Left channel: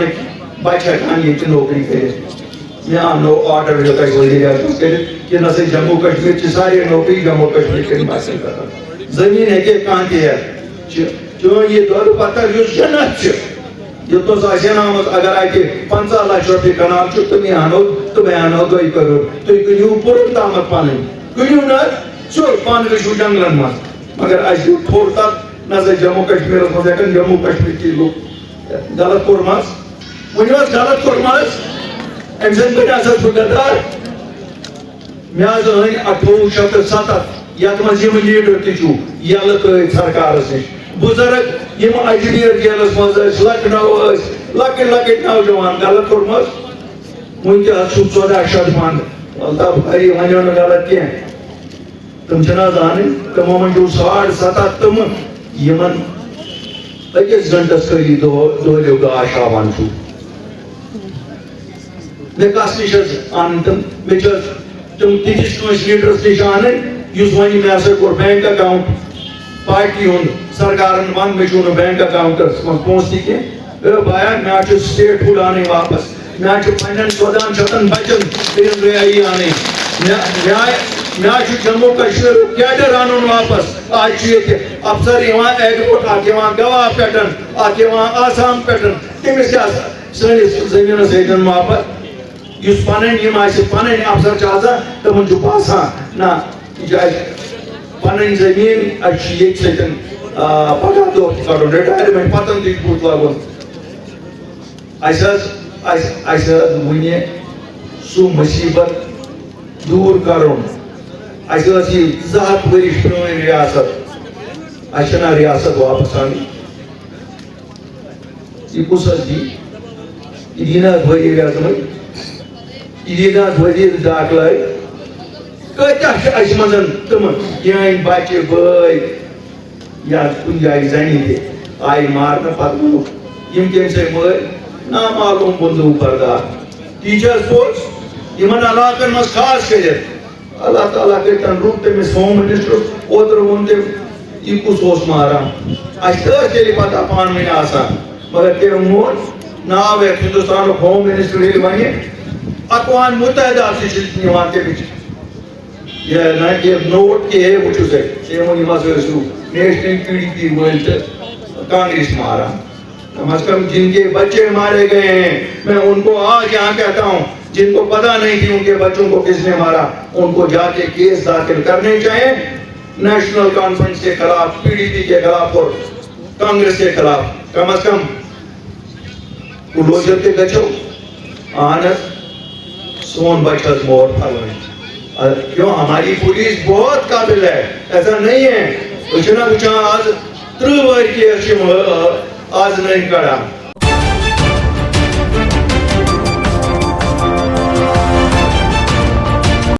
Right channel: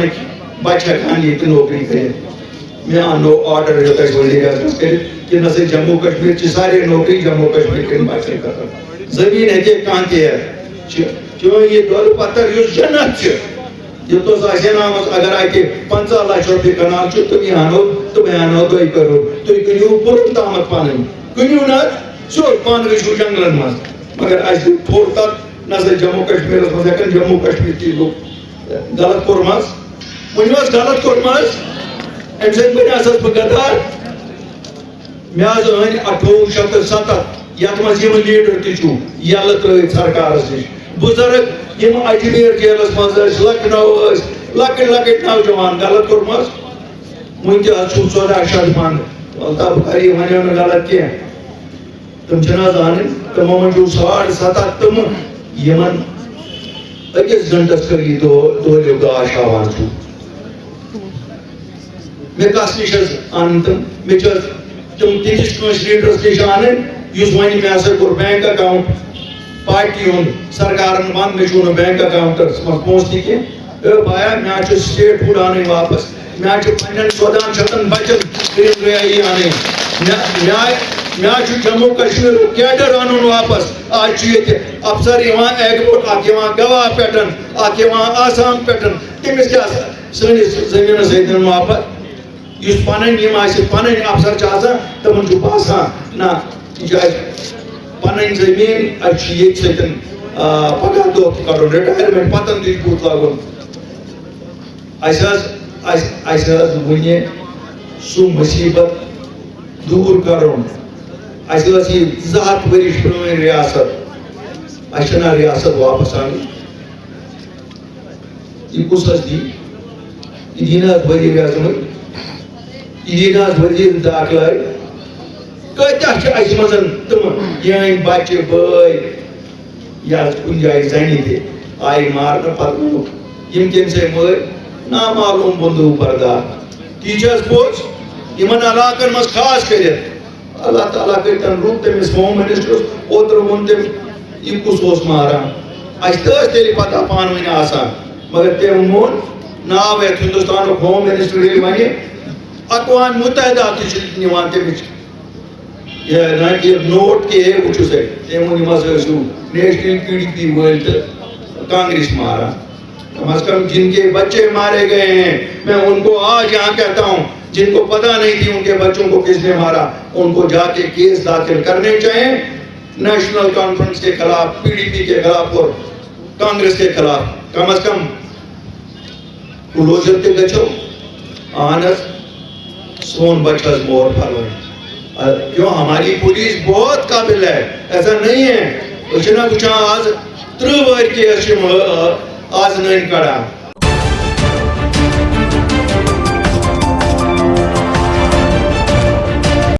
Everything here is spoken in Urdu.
پانک بچہ ہیکان یہ نوکری کرت میں آنو آرڈر وزیر اعظم کہ نہ جموں کشمیر چی سارے نوکری جموں کشمیر کے بچے کرتا زمین ہے کہ کانتی ہے چون یہ دول پتر یس جنت یہ تو آسین آمد اگر آئیتے 50 لاکھ روپے کنال چھو تم یہ آنو 2 کروڑ تو یہ کنیو پورت آمد پانے کنیو نا سور پان گشو جنگلن ماز مگر ایسی تھوڑ تک نظر جموں کشمیر اس میں سکن جموں کشمیر کی لوگ غلط کورماز ونیواز غلط کورماز امسان بنی اساس بگدار میاز آئین 1870 یاد مزیم لیڈر تیچو یالت سرکار سے بزرگ یم اجمیر جیلس مز لکٹ نوجوان غلط کورماز ونکس 14 شدمان اللہ بخاری ونیو نا غلط کی تم چھ زان تمو من 7.5 تم یمن اکس گھنٹس کری دولو گاش ہاوان چھو میں کس نش ان تم میں تم تیس کنس لیڈرس نش ان اس ون میں ہسا کور بینک اکاؤنٹ پارٹی ہند سرکارن ون میں چھو بینک اکاؤنٹس مز پونسہ کی بایا میں سٹیٹ فوڈ آنے واپس میں پنن 14 بچن کرن رہائی آنے میں جموں کشمیر کیڈر انن واپس آج یہ افسر ایگبوٹ اخ گواہ پٹن اخ آسام پٹن تمس کیا سنس زمین سن واپس اس پن پن افسر آسان تمن باسان نا پن زمین یہ سن پگہ دہ کڑن رٹائرمنٹ پتن تھی بت لاگن ون سہ مصیبت دور کرن یہ 200 ورش پران ریاست اچھا ریاست واپس آنی یہ کس دی یہ دینا وزیر اعظم یہ دینا وزیر داخلہ کتیا اس مزن تم یہ بچے بھائی یا کن جائے زنی تھی آئی مارنا پتہ یم کم سے مر نامعلوم بندوق بردار ٹیچرس پوچھ یمن علاقن مز خاص کرت اللہ تعالیٰ کرتن روپ تمس ہوم منسٹرس اوتر ون تم یہ کس ماران تیل پتہ پان ون آسان مگر تم مون ناو یت ہندوستان ہوم منسٹر یل ون اقوام متحدہ تمہ تمچ یہ نوٹ کہ وچو سا تم ون مسو نیشنل PDP ول تو کانگریس ماران کم از کم جن کے بچے مارے گئے ہیں میں ان کو آج یہاں کہتا ہوں جن کو پتہ نہیں تھی ان کے بچوں کو کس نے مارا ان کو جا کے کیس داخل کرنے چاہیں نیشنل کانفرنس کے خلاف PDP کے خلاف اور کانگریس کے خلاف کم از کم کلوزر تے گچھو آنس سون بچہ مور پھلوئی کیوں ہماری پولیس بہت قابل ہے ایسا نہیں ہے وچنا آج 3 وار کیس آز نین کڑان